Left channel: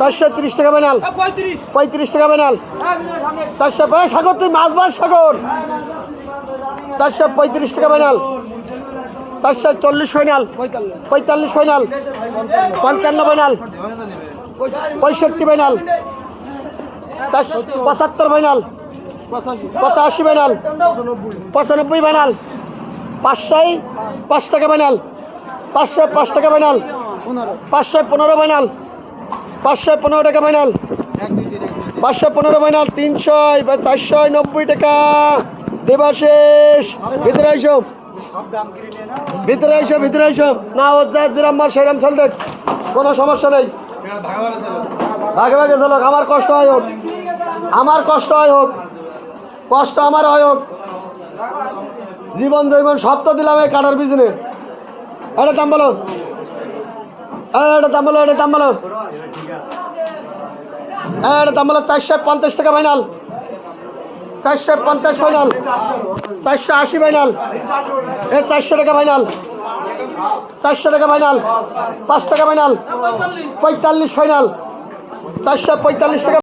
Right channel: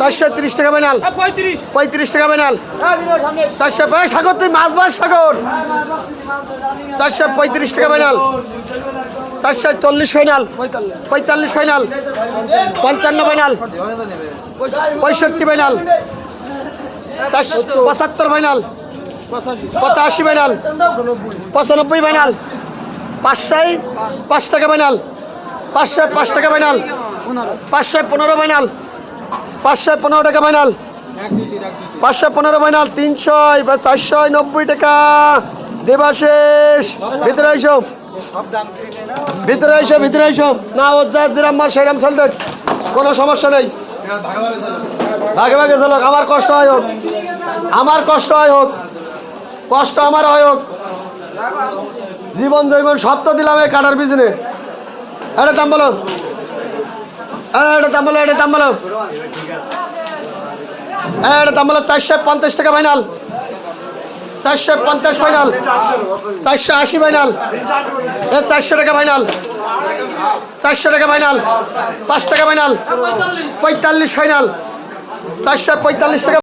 430 টাকা ফাইনাল, 35 টাকা ফাইনাল, 400 সাগর তুই মাছ সাগর, 435 টাকা final, 440 final, 45 final, 55 final, 65 final, 75 final, 85 final, 95 final, 505 টাকা ফাইনাল, 505 টাকা ফাইনাল, 515 ফাইনাল, 515 টাকা ফাইনাল, 515 ফাইনাল, 300 490 টাকা। দেবাশেষ ভিতরে আইসো, ভিতরে আইসো, ভিতরে আইসো। না ও যা যেরাম মার সেরাম চাল দেখ, কোনো সমস্যা নেই। ভাগে ভাগে চলো, আমার কষ্ট হয় হোক, আমার কষ্ট হয় হোক, কষ্ট আমার হয় হোক, জীবন জৈবন সত্য দিলাম এই কাটার পিছনে। এটা দাম বলো, এটা দাম বলো, এটা দাম বলো, এটা দাম বলো। 450 টাকা ফাইনাল, 450 ফাইনাল, 480 ফাইনাল, 400 টাকা ফাইনাল, 400 টাকা ফাইনাল, 5 টাকা ফাইনাল, 45 ফাইনাল, 445 টাকা।